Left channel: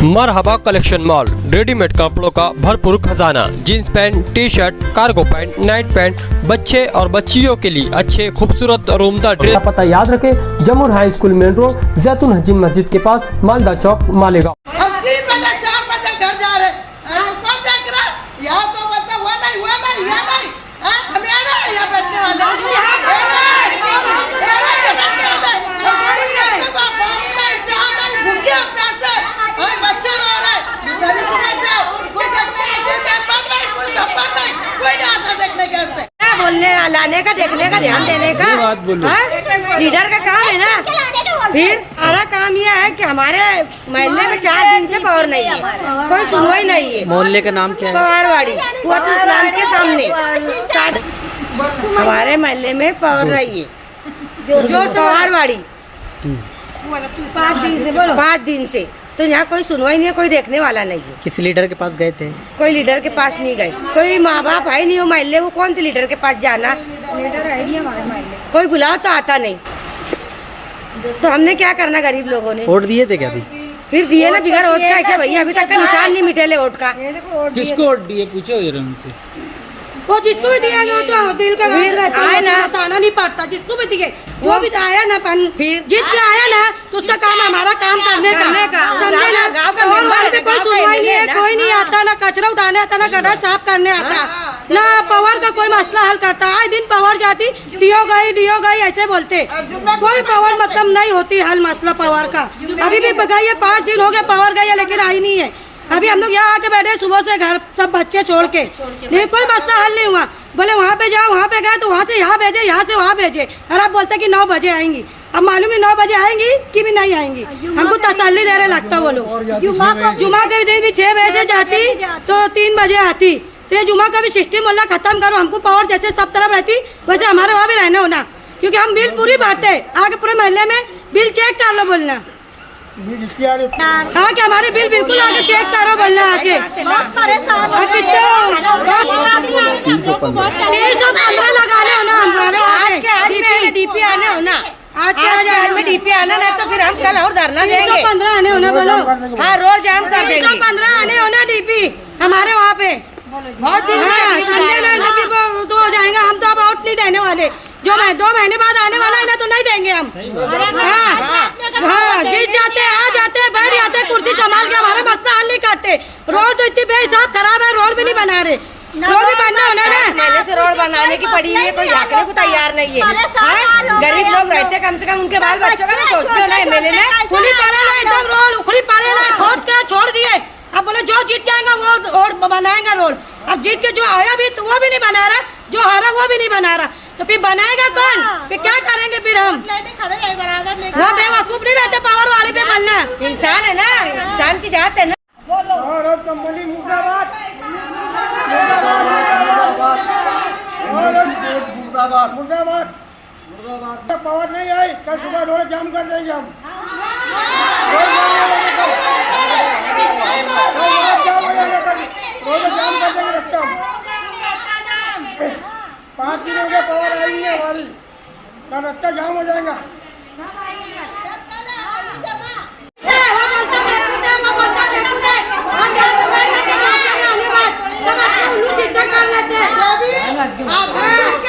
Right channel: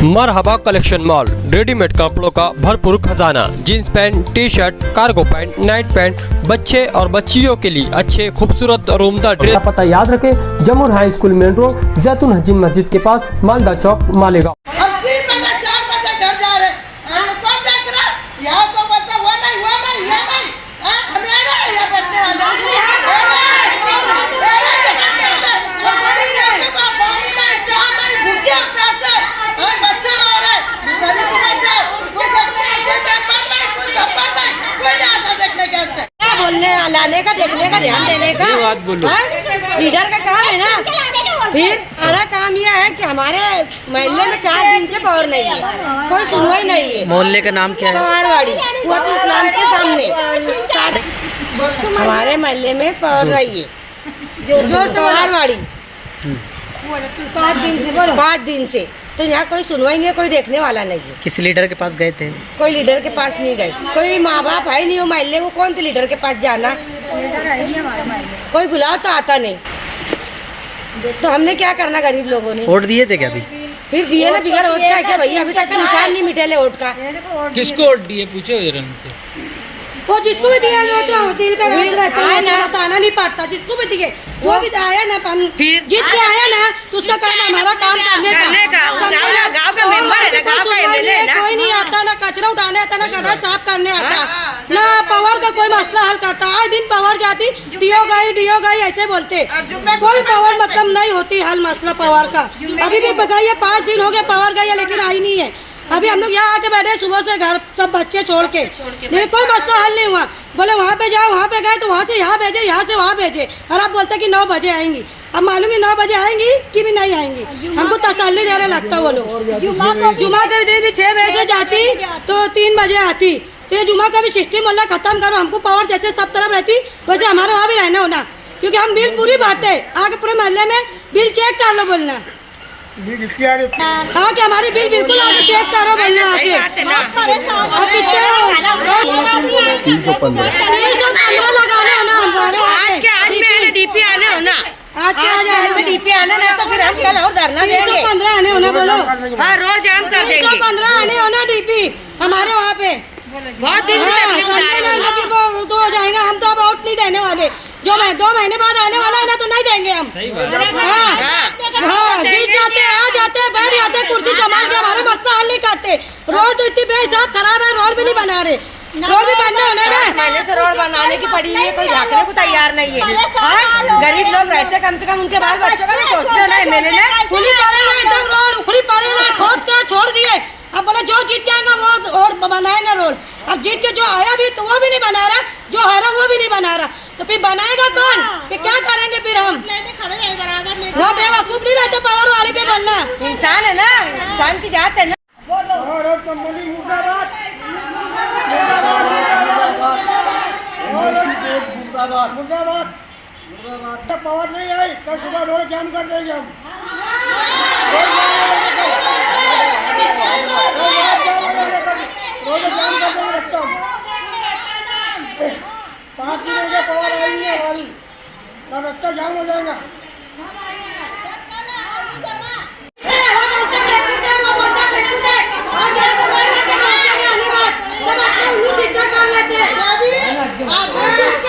मरहबा collection mall, readymade कपड़ों का भरपूर खजाना। Jeans pant, T shirt, cargo pant, night pant, बच्चे और बच्चियों के लिए अच्छे खूबसूरत और उम्दा ड्रेस। पता याद रखें, जमुर हाई स्कूल मेन रोड, जैतून हजीन मस्जिद के पास, मालदा चौक, मालेगांव। अब 3 बजे 4 बजे घर जा रहे, कौन देख रहा? यहाँ तो बोलते हुआ नहीं, हम यहाँ बैठने वाले बच्चे रह रहे, दूसरी सुबह से कोई देखने नहीं, बोलने लाने का, देखने का, ध्यान देने का लीडर का काम है ना। फिर हमारा काम यह है कि हमारे मोहल्ले में 4 दिन से पावर नहीं है, कोई सुनवाई नहीं है। मोहल्ले का नाम क्या है? पवारवाड़ी, कुआत इस्लाम के सामने। हमारे मोहल्ले में पावर नहीं है, पवारवाड़ी 5 दिन से तो यहाँ कोई सुनवाई नहीं है, कोई देखने वाला नहीं है। किसी लीडर के पास गए थे? कोई लीडर के पास नहीं गए, कोई माँ बाप है नहीं हो मोहल्ले को, कौन थे लीडर के पास जाना? कोई बुलाओ तो आता नहीं, तो हमने क्या करना? गरीब लोगों ने वोट दिए थे क्या अभी? फिर दिए ना, बिगड़ वोट का क्या भैया? अभी तक का निशान नहीं मिटे वोट का। किसको वोट दिए पूछो इधर उनसे। वो जिसको भी दिया तो दिल का आए ना, बताना नहीं पड़ता, जिसको भी दिए वो भी आया ना, फिर जीत के आया ना, तो उसका काम हमारा काम करने का, समझे ना? और वहाँ पे कोई सुनवाई नहीं है, कोई नहीं आता, ना कचरा उठाने आता, ना गड्ढा साफ करने आता, ना पावर का कोई मसला हल करता। आए दिन पावर जाती, डीओ गई ऐसे बोलते, कोई पावर मतलब नहीं होती हल मसला पावर का। अभी भी गई 5 दिन हो गए पावर गई, लेकिन आई नहीं है। अभी हम लोग यहाँ आके बैठे सुबह से, घर सब बच्चे छोड़ के, नहीं कोई मसला हल नहीं हुआ। बोले वहाँ पे जाओ, वहाँ पे गए तो वहाँ से यहाँ भेजे, यहाँ से वहाँ भेजे, और आप बोलते कि 9 बजे आएंगी। अब मालूम ही 9 बजे आएंगी कि भी नहीं आएंगी, हमको तसल्ली दे रहे लगता वो लोग। जुमा के दिन भी 6 बजे से जाती तो 3 बजे आती, तो ये जुमा का भी सिस्टम बोला खत्म करो। हमको पावर जैसे सब तरफ रहती वैसे हमारे वहाँ भी रहना होना, क्योंकि हम बिल पूरी भरते, आगे पूरे मोहल्ले में बिल चेक कर लो बोलना, आके हमारे बिल बिल्कुल आगे चेक करो बोलना आके। और कितने 315 लगाने हो ना हमारे वहाँ पे, डीपी आने हो ना, आज में डीपी आना ना, तो फिर हम कल और धरना देंगे। 315 आने होने बोलो, हाँ रोड जाम कर देंगे। 315 आने होना डीपी हमारे वहाँ पे। बहुत दिन संडे ना तो हो जाएगा। हम तो अब वोट नहीं देने वाले, जो 2 महीने बाद आने वाला है ना, तो नहीं देंगे हम। हाँ जीत जाते, आ जाते, बैठ जाते कुर्सी संभाल के, हमारा मसला हल नहीं करते। रोड तो इतनी बेहिसाब खराब है, रोड भी नहीं बना रहे, रोड भी बनने होने ना। पहले से रोड बनाने की पड़ी हुई है, कोई झाँकने को तैयार नहीं है। गरीब लोग रहते, कम से कम उनके बाल बच्चों का तो सोचते ना। एमएलए ने खुली पड़े ना, एकदम रोड उखड़ी पड़े ना, खोद के छोड़ दिए। अब बोले जो जीत जाएगा वो और बनाएगा रोड। अब जीत के जो आया भी तो वो भी नहीं बना रहा, जो हारा वो भी नहीं बना रहा, तो फिर बनाएगा कौन? फिर क्या करेंगे फिर हम? वो बेवकूफ नहीं रहते पावर वाली पे बनना। इंसान है ना, इंसान की जात है ना। पावर नहीं आई, कल सुबह रोड जाम कर देंगे हम। 5 दिनों के पावर आएंगे हमारी, कल रास्ता जाम हो जाएगा। आप